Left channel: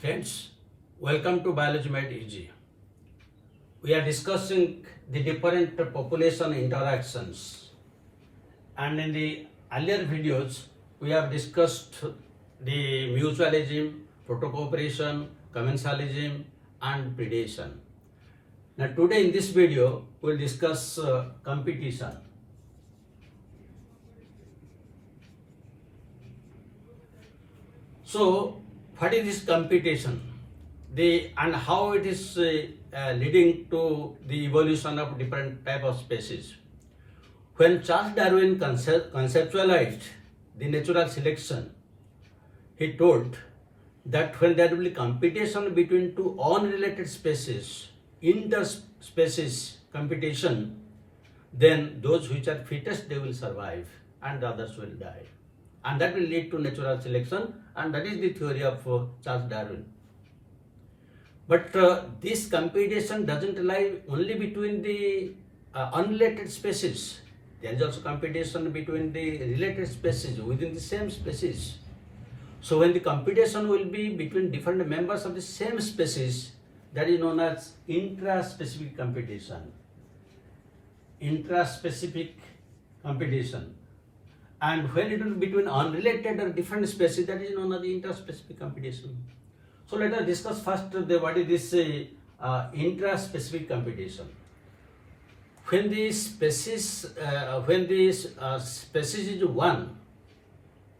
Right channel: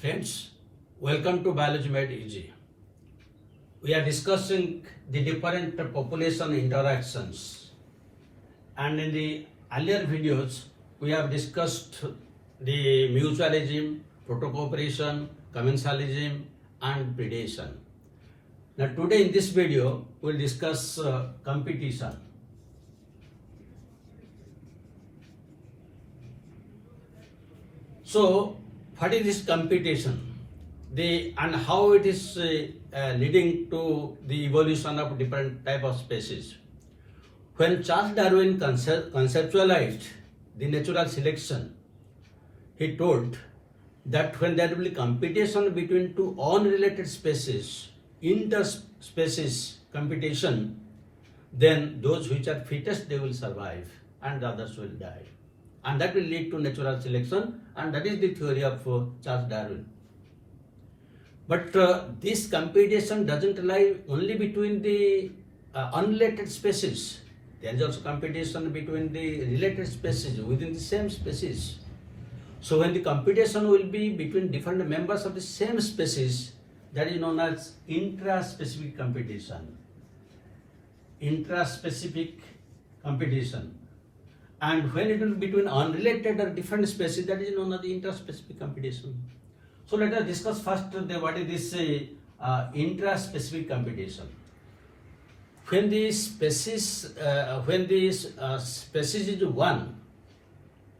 Friends, welcome to Biology Made Easy. We are discussing the different population interactions, and in the earlier videos we have discussed the mutualism, protocooperation, commensalism and predation. Now today in this video we will discuss competition. So what is this competition? And how it is leading to the evolution of different type of species. When Charles Darwin conceptualized the natural selection, he told that when there will be competition between two unrelated species, interspecies competition, then those which are fittest they will survive and the others will die. And that will lead to natural selection, and that is the theory of Charles Darwin. But this competition doesn't lie only between the unrelated species. There is also competition between the related species within the same species. So when the competition will be between different members of the same species, that is known as intraspecific competition. Intraspecific competition. And when it will be between unrelated or different species, that is known as the interspecific competition. So let us discuss first what is this intraspecific competition. When the species is one,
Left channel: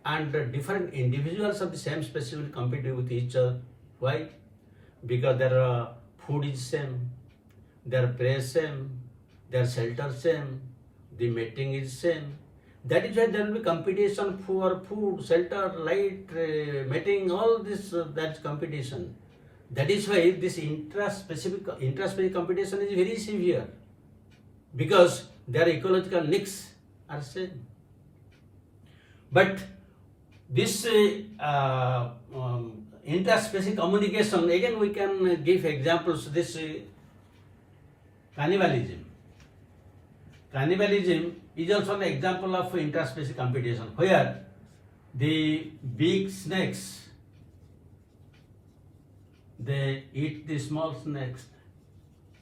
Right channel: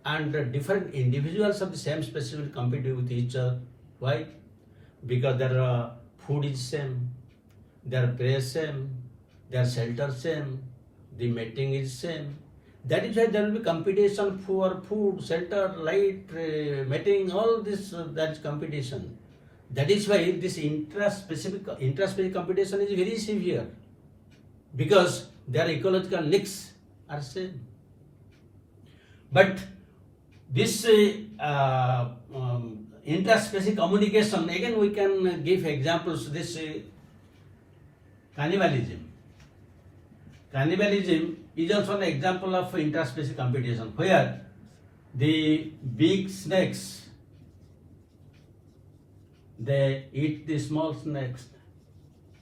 and different individuals of the same species will compete with each other. Why? Because their food is same, their prey is same, their shelter same, the mating is same. That is why there will be competition for food, shelter, light, mating, all this, that is competition. That is why this intraspecific competition is very severe, because their ecological needs are same. But this interspecific communication, again we can give examples. This cannibalism. Cannibalism is also an example of interspecies competition, where the big snakes, they eat the small snakes.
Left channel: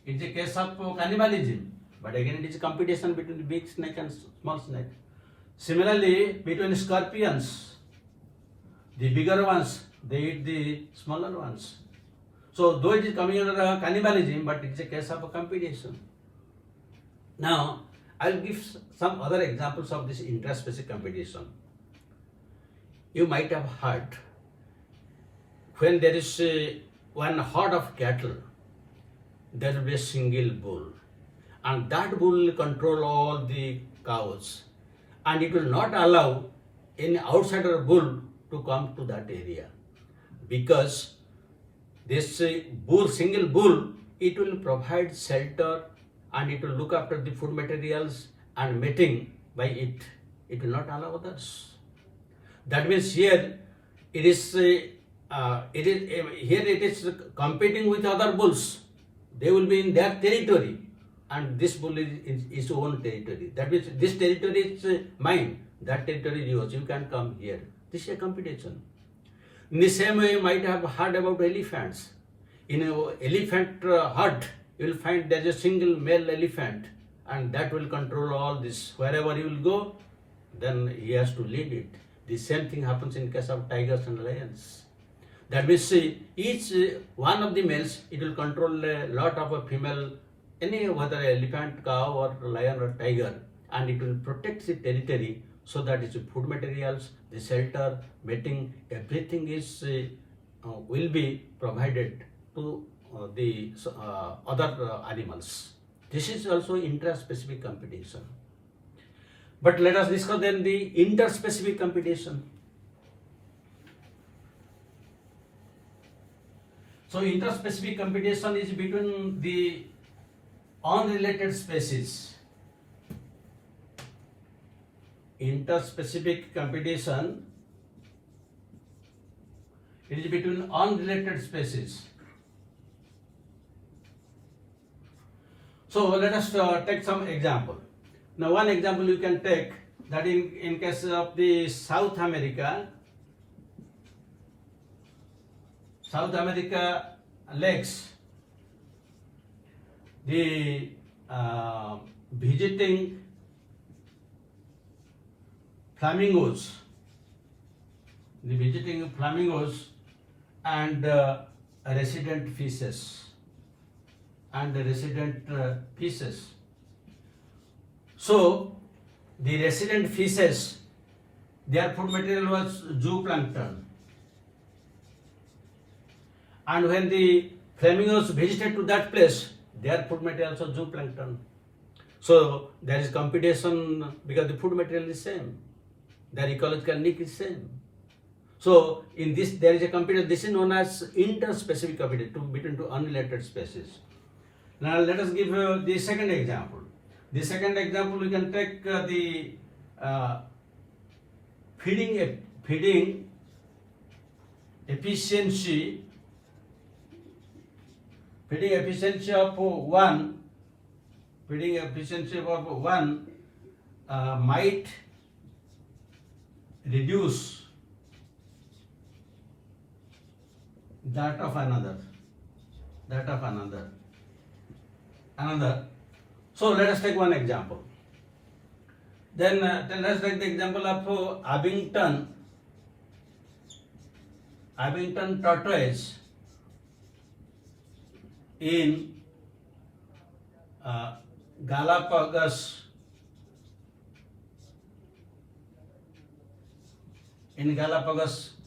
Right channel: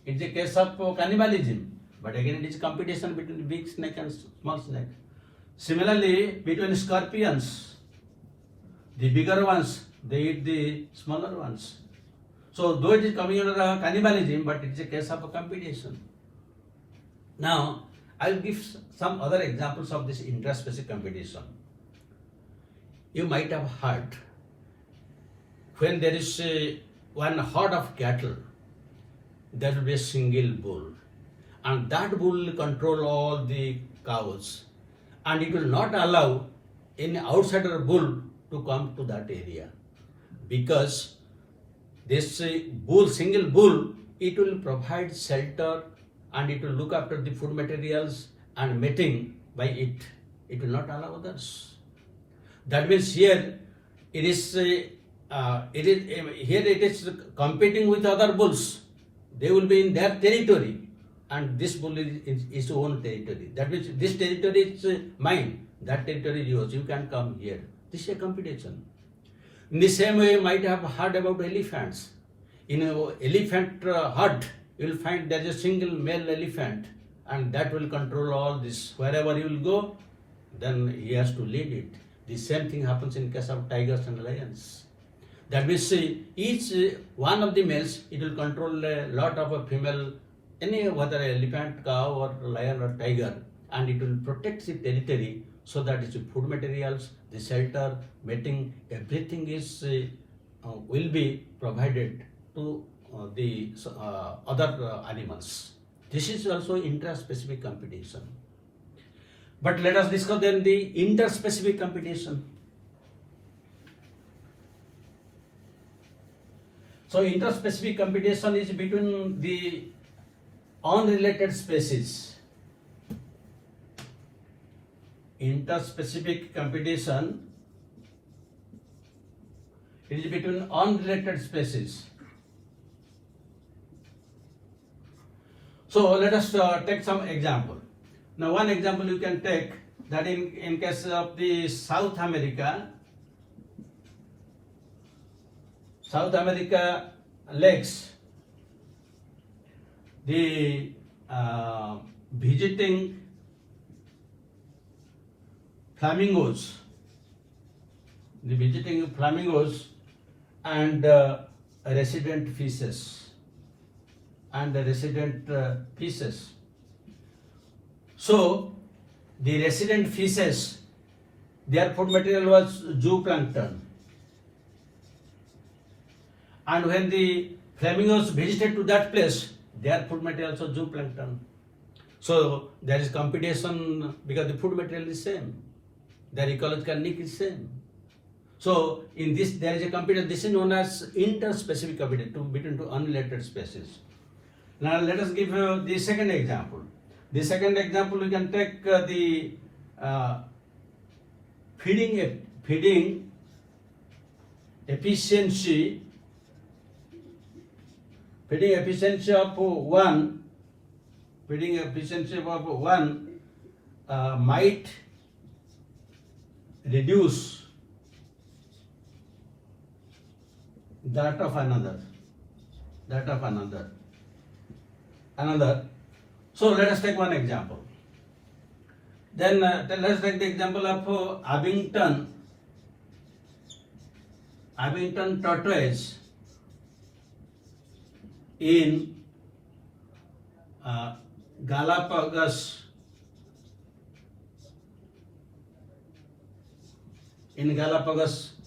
It's a case of cannibalism, but again it is competition between the big snake and small snake. Similarly, between scorpions, the bigger ones, they eat the smaller ones. So though it is coming under cannibalism, but it is a case of a competition. Now, I will give some other examples of this interspecies competition. You might have heard, when there is one herd of cattle, there will be a single bull, and that bull will control all the cows, and it will not allow any outsider bull to come to that area, because this single bull, it will provide shelter, and it will look after the food materials and mating by it. It will not allow others. That means here it is competing with other bulls. They will be in their territory, and this bull is its own territory. That means this territory is mine, that territory is yours. You can come here. This is a competition. In the same way, you might have heard about elephants. In an elephant herd, you will find there is a single male elephant, and that will control all this. Wherever you will go, then he has to lead it. The same thing happens in case of tigers and lions. That means each one of the males, it will control a lot of a female, whether elephant, cow or lion or tiger, and it will protect the territory, so that its food materials, the shelter, mating, everything is will be provided to the other animals. This is also intraspecific competition. But let us discuss then the interspecific competition. So interspecific competition is between the unrelated species. Interspecific competition is between unrelated species. So let us take some example. Now one example you can take, that in case of the South America, South America lakes, the visiting flamingos, and resident fishes So the resident fishes, their food material was zooplankton. And when the flamingos visited to that place, their food material also zooplankton. So there is competition because the food material is same. Their ecological niche is same. So in this there is a competition. This is known as interspecific competition between two unrelated species. Now let us give the second example. The second example, we can take the feeding efficiency of one might reduce that of another. So let us take one example. Then let's take the example of Abington tortoise in Galapagos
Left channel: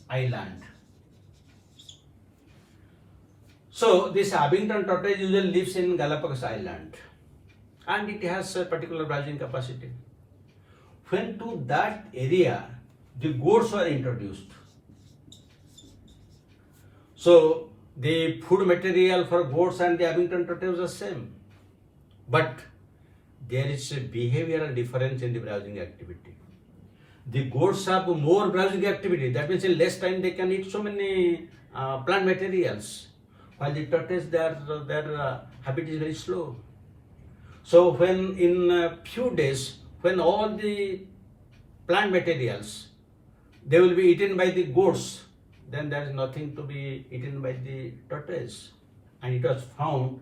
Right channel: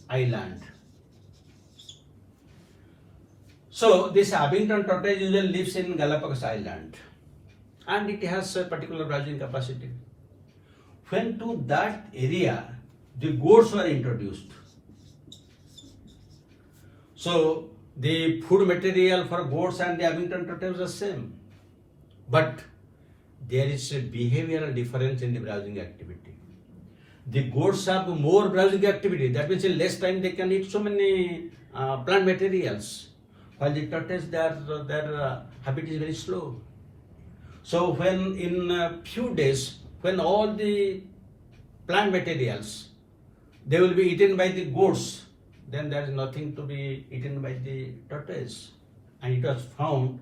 Island. So this Abington tortoise usually lives in Galapagos Island, and it has a particular browsing capacity. When to that area the goats were introduced, so the food material for goats and the Abington tortoise was same, but there is a behavioral difference in the browsing activity. The goats have more browsing activity. That means in less time they can eat so many plant materials, while the tortoise their habit is very slow. So when in a few days, when all the plant materials they will be eaten by the goats, then there is nothing to be eaten by the tortoise. And it was found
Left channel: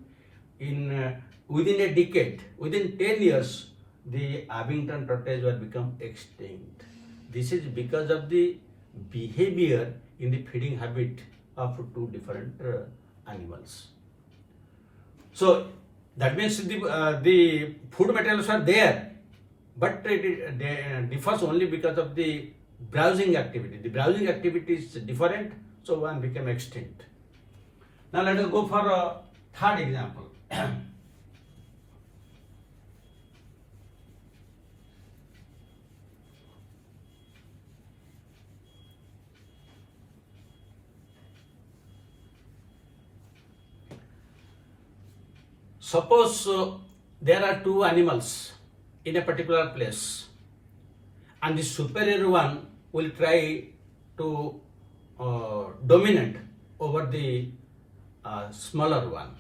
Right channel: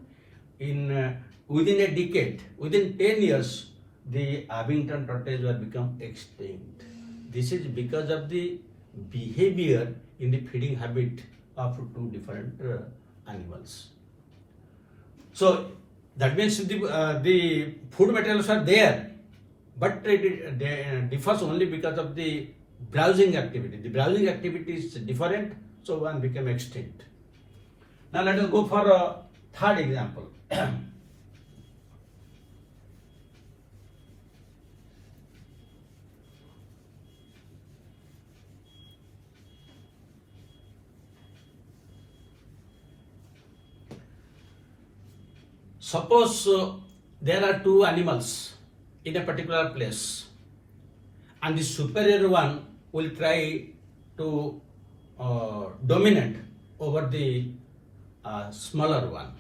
in within a decade, within 10 years, the Abington tortoise will become extinct. This is because of the behavior in the feeding habit of two different animals. So that means the food materials are there, but it differs only because of the browsing activity. The browsing activity is different, so one became extinct. Now let us go for a third example. Suppose there are two animals in a particular place, and the superior one will try to dominate over the smaller one.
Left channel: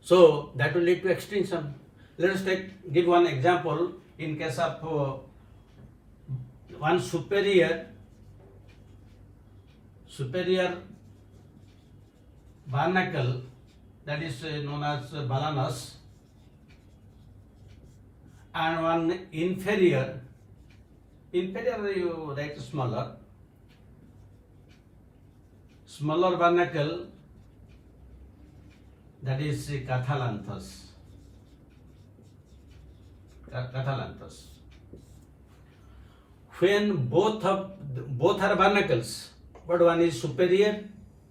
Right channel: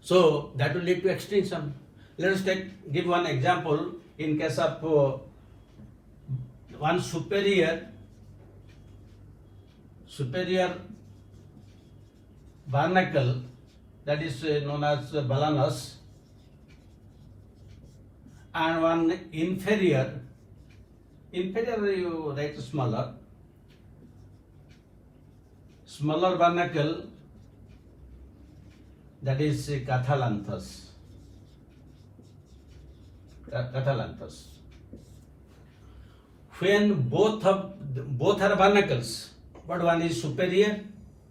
So that will lead to extinction. Let us give one example in case of one superior barnacle, that is known as balanus, and one inferior you write smaller barnacle, that is cathalanthus. When both are barnacles, but one is superior,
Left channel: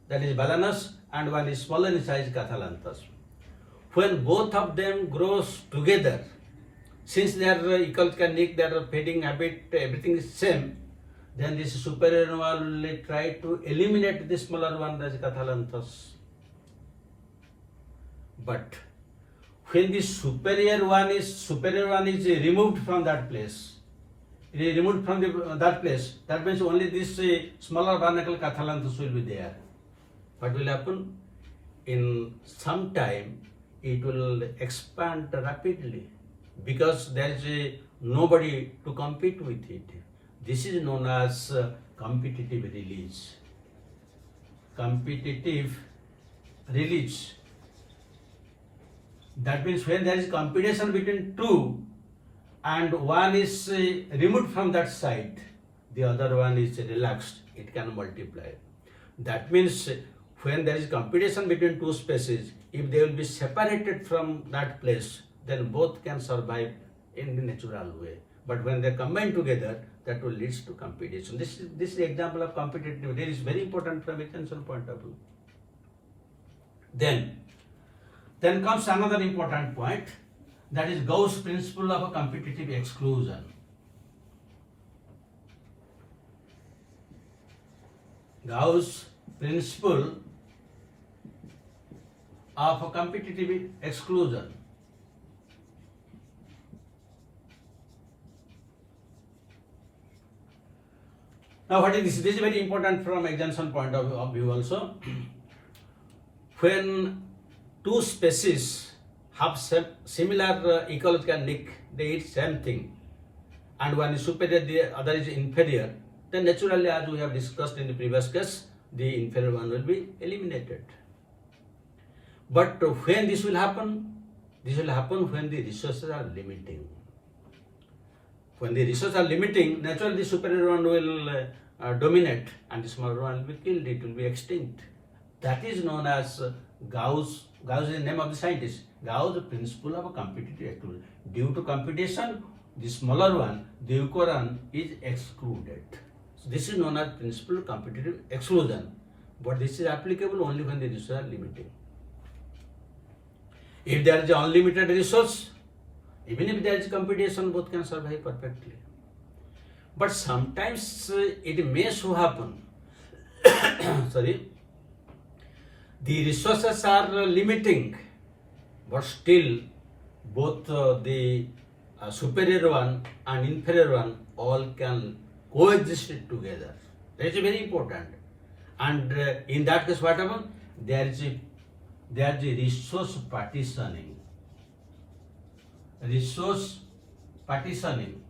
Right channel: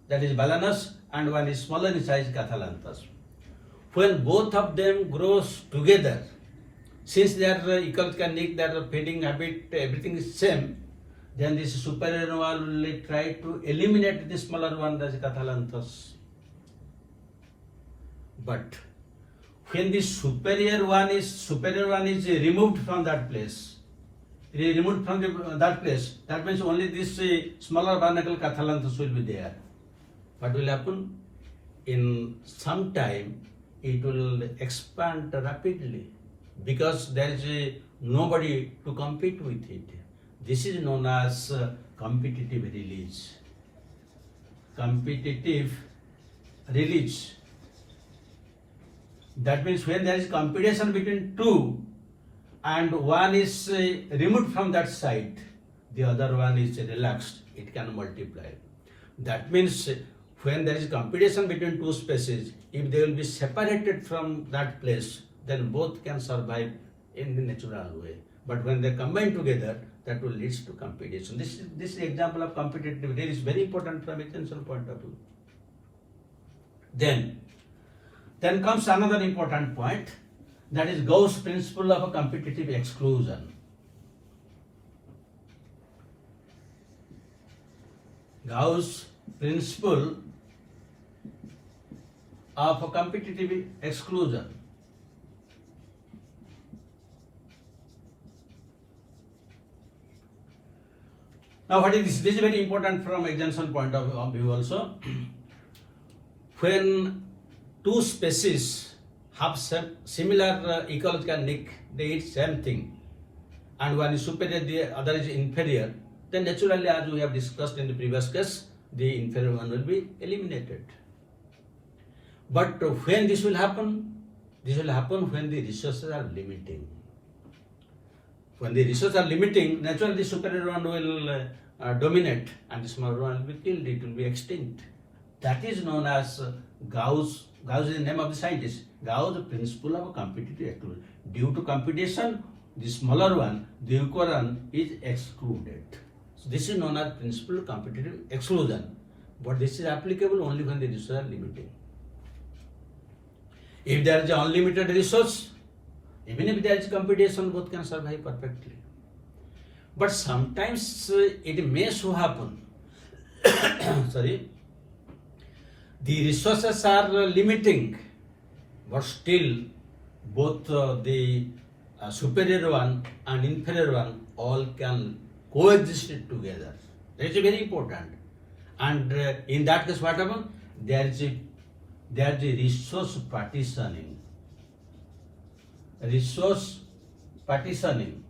that is balanus, and one is smaller in size, cathalanthus. When both of them grows together, since their ecological niche, their feeding habit, everything is same, then this superior one will try to eliminate the smaller one, that is cathalanthus. But when the superior one is removed from that place, that means only this smaller barnacle cathalanthus will be there. What will happen? In some time, it will expand rapidly because there is nobody to compete with it. This is known as competitive release. competitive release. That means when there is competition between two and one is removed from that site, the other one is relaxed, it can multiply. That means when there is competition between two species, if they will be separated from that place, then both can survive in the natural way. But when they combine together, that will lead to competition. This is the example of competitive release, very important from extension point of view. Then comes another important point, that is Gause principle of a competitive exclusion. Gause principle of a competitive exclusion. Now what is this? This is very important from extension point of view also. When two species have similar ecological niche, they eat same thing, and one is superior, the other is inferior, then naturally, as we have discussed in the previous case, the inferior one will be eliminated. But when this will happen? This will happen when the resources are limiting. When the resources are limiting, naturally the superior one will dominate and the smaller one will be killed, it will be extinct. That is known as Gause. Gause is the name of the scientist. Gause principle of competitive exclusion. Due to competition, the smaller one, the weaker one is excluded. So this is known as principle of competitive exclusion. But this is applicable only when the resources are limiting. If there is an unlimited resource, even if there is competition, both can survive perfectly. But sometimes it may so happen, the resources are limiting, but still both the superior one and inferior one all can coexist together. That is very important. And in that case, what happens? There is the resource partitioning. Resource partitioning.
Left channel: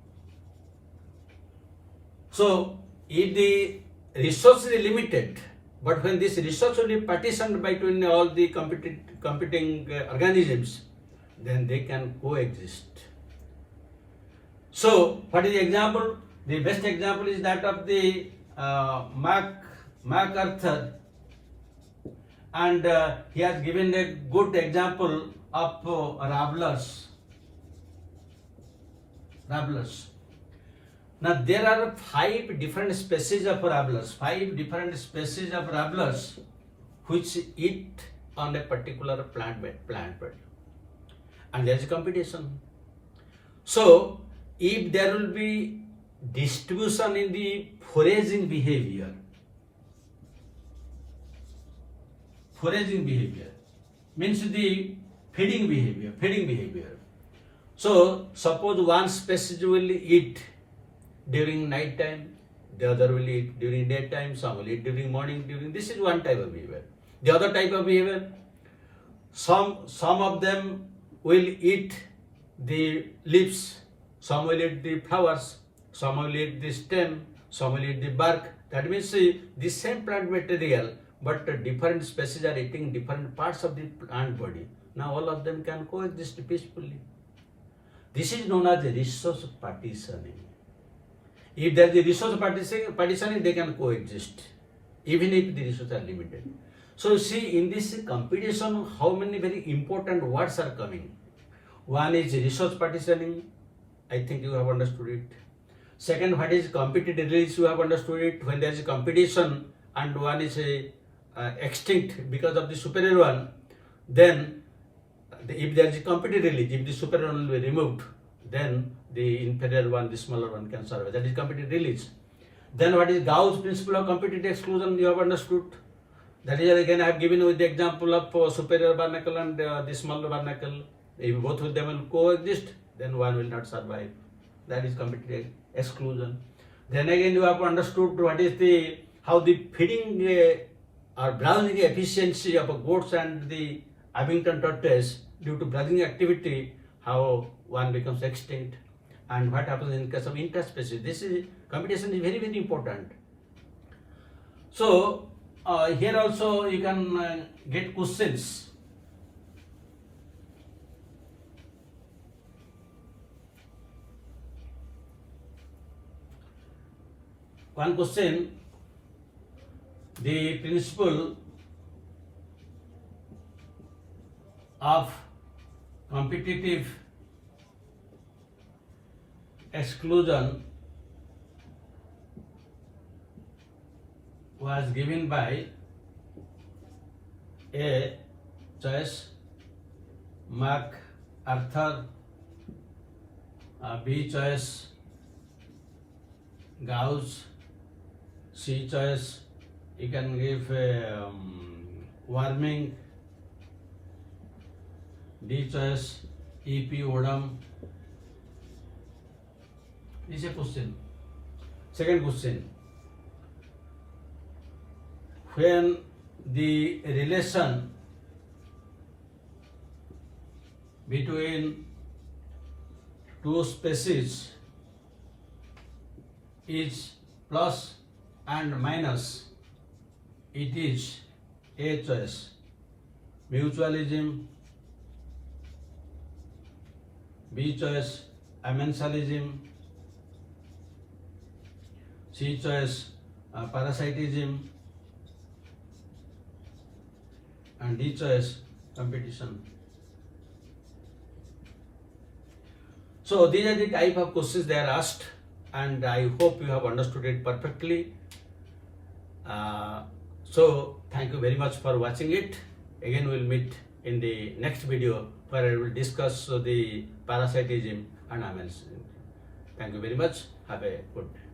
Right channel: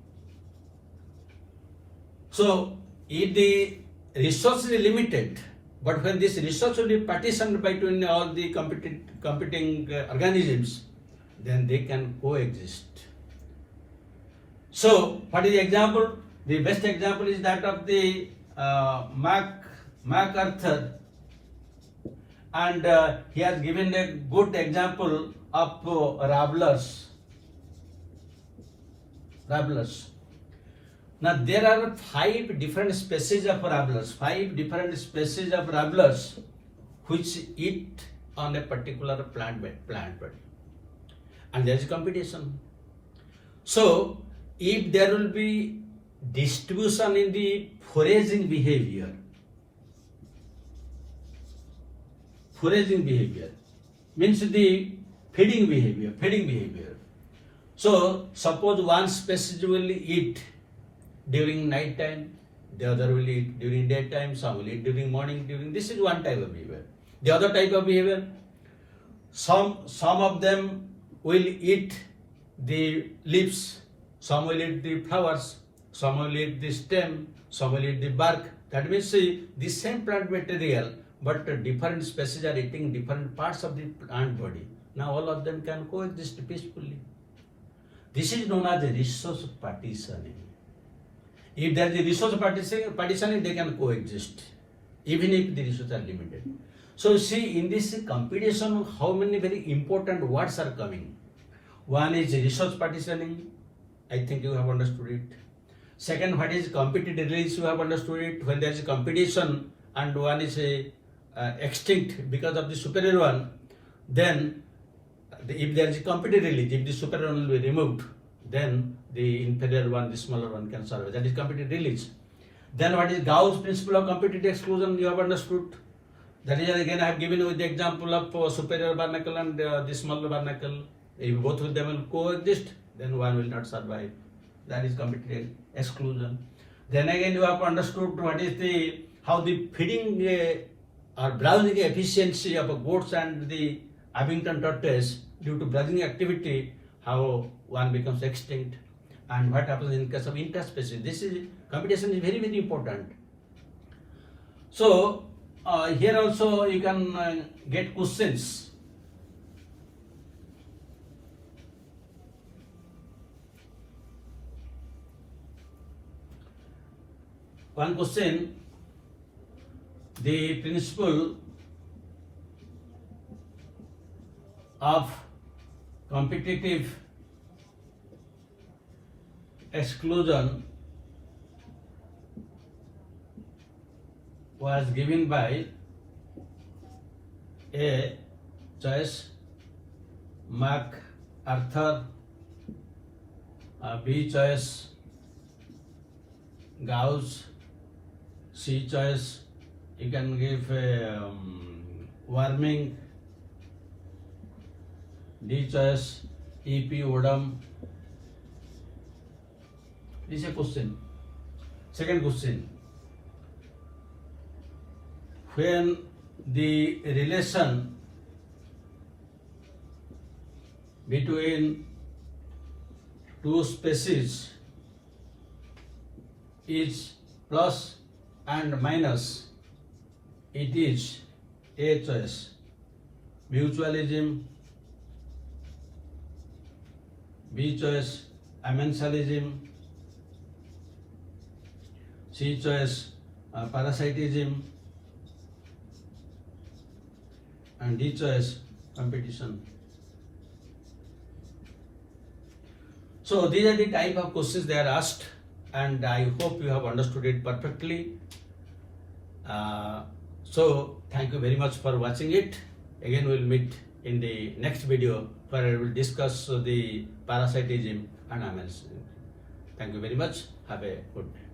So, if the resource is limited, but when this resource will be partitioned between all the competing organisms, then they can coexist. So, what is the example? The best example is that of the MacArthur, and he has given a good example of rabblers. Now there are 5 different species of rabblers, which eat on a particular plant bed, and there is competition. So if there will be distribution in the foraging behavior means the feeding behavior. So suppose one species will eat during night time, the other will eat during daytime, some will eat during morning. This is one type of behavior. The other type of behavior, some of them will eat the leaves, some will eat the flowers, some will eat the stem, some will eat the bark. That means the same plant material, but different species are eating different parts of the plant body. Now all of them can coexist peacefully. This is known as the resource partitioning. If there is a resource partitioning, they can coexist, even if the resources are limited. So see, in this competition, how many very important words are coming. One is resource partitioning. I think you have understood it. Second, what is competitive release? You have understood it. When there is competition and one is extinct because of the superior one, then if there is a competitive release, if the superior one will be removed, then the inferior one, the smaller one can survive. That is competitive release. Then what is Gause principle of competitive exclusion? You have understood. That is, again, I have given you the example of superior barnacle and the smaller barnacle. If both of them will coexist, then one will not survive. That is competitive exclusion. Then again, you have understood what is how the feeding or browsing efficiency of goats and the Abington tortoise due to browsing activity, how one becomes extinct, and what happens in case of interspecific. This is competition is very, very important. So here also you can get questions. One question, the principle of competitive exclusion was given by A. Choice, MacArthur, B. Choice, Gause, C. Choice, you can give Warming, D. Choice, E.P. Odom. This is a question. Second question, when the relation between two species is plus and minus, it is A. Choice, mutualism, B. Choice, amensalism, C. Choice, parasitism, and D. Choice, competition. So these are the type of questions they are asked, and I hope you have understood it perfectly. So thank you very much for watching it. Again we will meet in the next video where I will discuss the parasitism and amensalism. Thank you very much. Have a good day.